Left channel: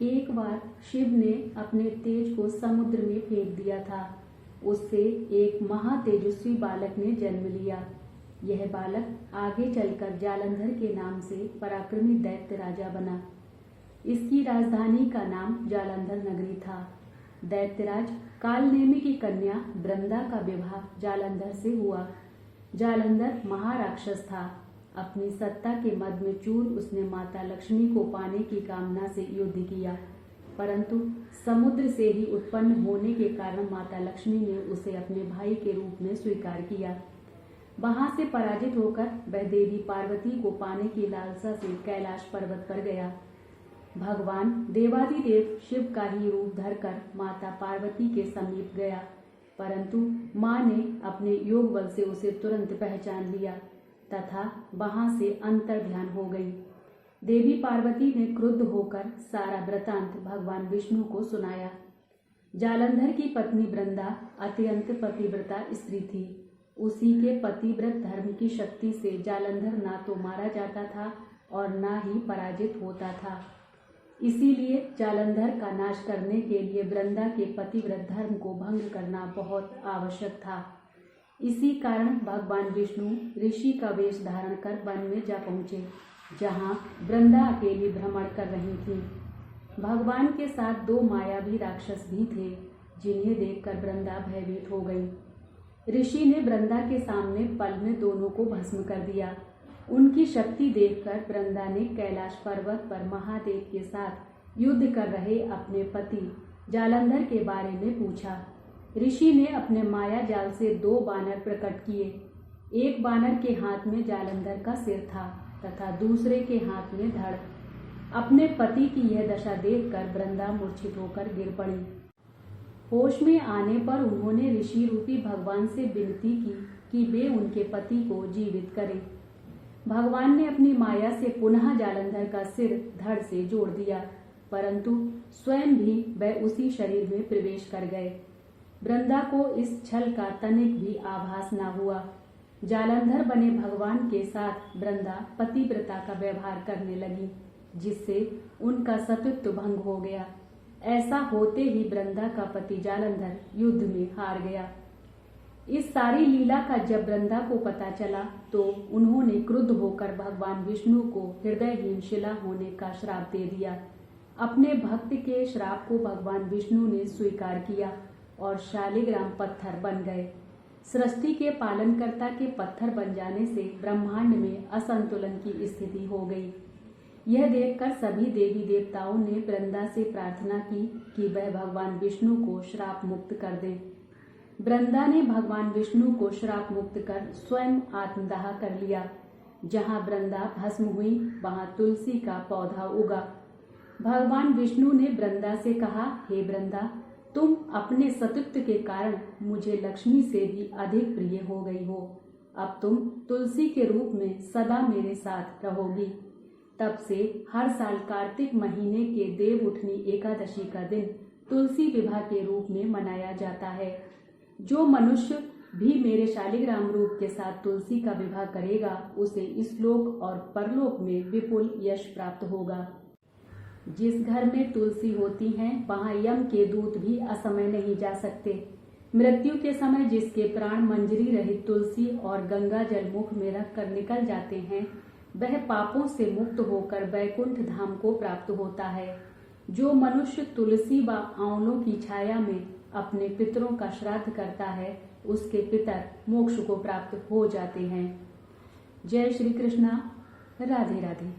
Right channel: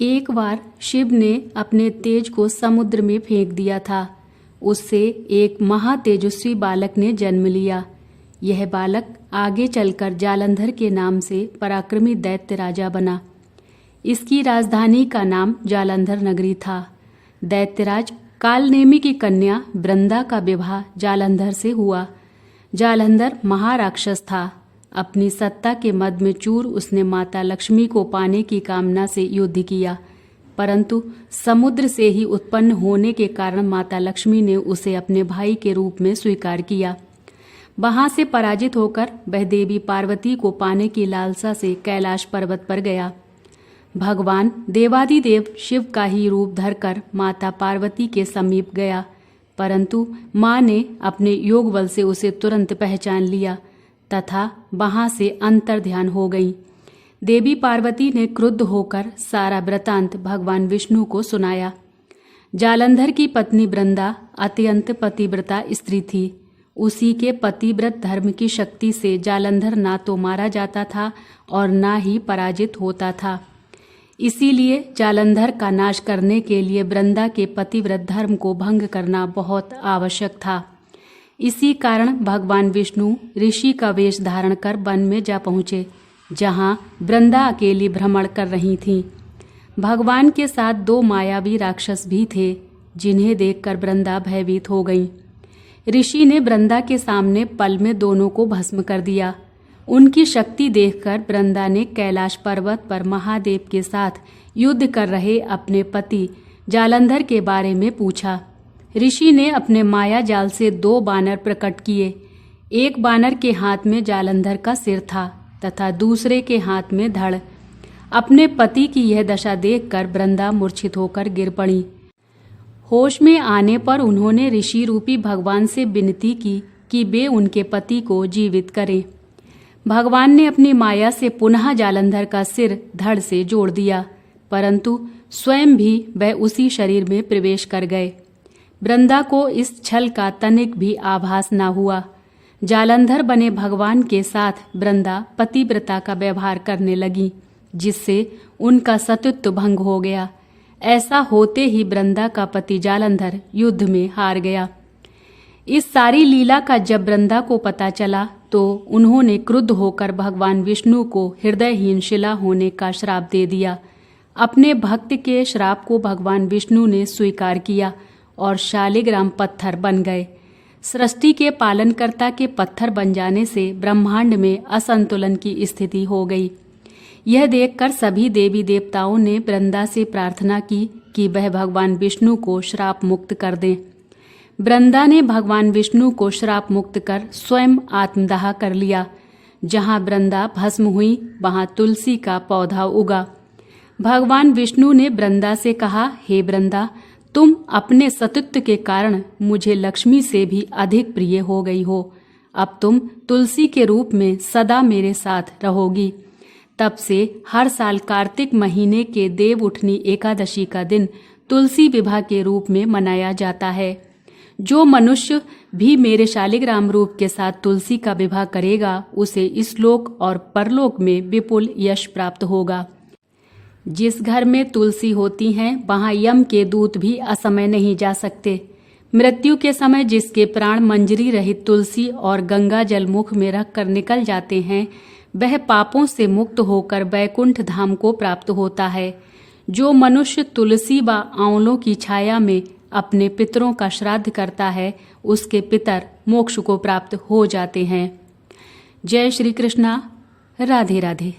एक बार शिव ने अपने तेज को समुद्र में फेंक दिया था। उससे एक महातेजस्वी बालक ने जन्म लिया। यह बालक आगे चलकर जालंधर के नाम से पराक्रमी दैत्य राजा बना। इसकी राजधानी का नाम जालंधर नगरी था। दैत्यराज कालनेमी की कन्या वृंदा का विवाह जालंधर से हुआ। जालंधर महाराक्षस था। अपनी सत्ता के मद में चूर उसने माता लक्ष्मी को पाने की कामना से युद्ध किया, परंतु समुद्र से ही उत्पन्न होने के कारण माता लक्ष्मी ने उसे अपने भाई के रूप में स्वीकार किया। वहां से पराजित होकर वह देवी पार्वती को पाने की लालसा से कैलाश पर्वत पर गया। भगवान देवादिदेव शिव का ही रूप धरकर माता पार्वती के समीप गया, परंतु मां ने अपने योग बल से उसे तुरंत पहचान लिया तथा वहां से अंतर्ध्यान हो गई। देवी पार्वती ने क्रुद्ध होकर सारा वृतांत भगवान विष्णु को सुनाया। जालंधर की पत्नी वृंदा अत्यंत पतिव्रता स्त्री थी। उसी के पतिव्रत धर्म की शक्ति से जालंधर ना तो मारा जाता था और ना ही पराजित होता था। इसीलिए जालंधर का नाश करने के लिए वृंदा के पतिव्रत धर्म को भंग करना बहुत आवश्यक था। इसी कारण भगवान विष्णु ऋषि का वेश धारण कर वन में जा पहुँचे, जहाँ वृंदा अकेली भ्रमण कर रही थीं। भगवान के साथ 2 मायावी राक्षस भी थे, जिन्हें देखकर वृंदा भयभीत हो गई। ऋषि ने वृंदा के सामने पल में दोनों को भस्म कर दिया। उनकी शक्ति देखकर वृंदा ने कैलाश पर्वत पर महादेव के साथ युद्ध कर रहे अपने पति जालंधर के बारे में पूछा। ऋषि ने अपने माया जाल से 2 बानर प्रकट किए। एक बानर के हाथ में जालंधर का सिर था तथा दूसरे के हाथ में धड़। अपने पति की यह दशा देखकर वृंदा मूर्छित होकर गिर पड़ी। होश में आने पर उन्होंने ऋषि रूपी भगवान से विनती की कि वे उनके पति को जीवित करें। भगवान ने अपनी माया से पुनः जालंधर का सिर धड़ से जोड़ दिया, परंतु स्वयं भी वह उसी शरीर में प्रवेश कर गए। वृंदा को इस छल का तनिक भी आभास न हुआ। जालंधर बने भगवान के साथ वृंदा पतिव्रता का व्यवहार करने लगी, जिससे उनका सतीत्व भंग हो गया। ऐसा होते ही वृंदा का पति जालंधर युद्ध में हार गया। इस सारी लीला का जब वृंदा को पता चला तो उन्होंने क्रुद्ध होकर भगवान विष्णु को हृदयहीन शिला होने का श्राप दे दिया। अपने भक्त के श्राप को भगवान विष्णु ने स्वीकार किया और शालिग्राम पत्थर बन गए। सृष्टि के पालनकर्ता के पत्थर बन जाने से ब्रह्मांड में असंतुलन की स्थिति हो गई। यह देखकर सभी देवी देवताओं ने वृंदा से प्रार्थना की कि वह भगवान विष्णु को श्राप मुक्त कर दें। वृंदा ने भगवान विष्णु को श्राप मुक्त कर स्वयं आत्मदाह कर लिया। जहाँ वृंदा भस्म हुई वहाँ तुलसी का पौधा उगा। भगवान विष्णु ने वृंदा से कहा, हे वृंदा, तुम अपने सतीत्व के कारण मुझे लक्ष्मी से भी अधिक प्रिय हो गई हो। अब तुम तुलसी के रूप में सदा मेरे साथ रहोगी। तब से हर साल कार्तिक महीने के देव उठनी एकादशी का दिन तुलसी विवाह के रूप में मनाया जाता है। जो मनुष्य भी मेरे शालिग्राम रूप के साथ तुलसी का विवाह करेगा, उसे इस लोक और परलोक में विपुल यश प्राप्त होगा। जिस घर में तुलसी होती हैं, वहाँ यम के दूत भी असमय नहीं जा सकते। मृत्यु के समय जिसके प्राण मंजरी रहित तुलसी और गंगा जल मुख में रख कर निकल जाते हैं, वह पापों से मुक्त होकर वैकुंठ धाम को प्राप्त होता है। जो मनुष्य तुलसी व आंवलों की छाया में अपने पितरों का श्राद्ध करता है, उसके पितर मोक्ष को प्राप्त हो जाते हैं। जय श्री कृष्णा। राधे राधे।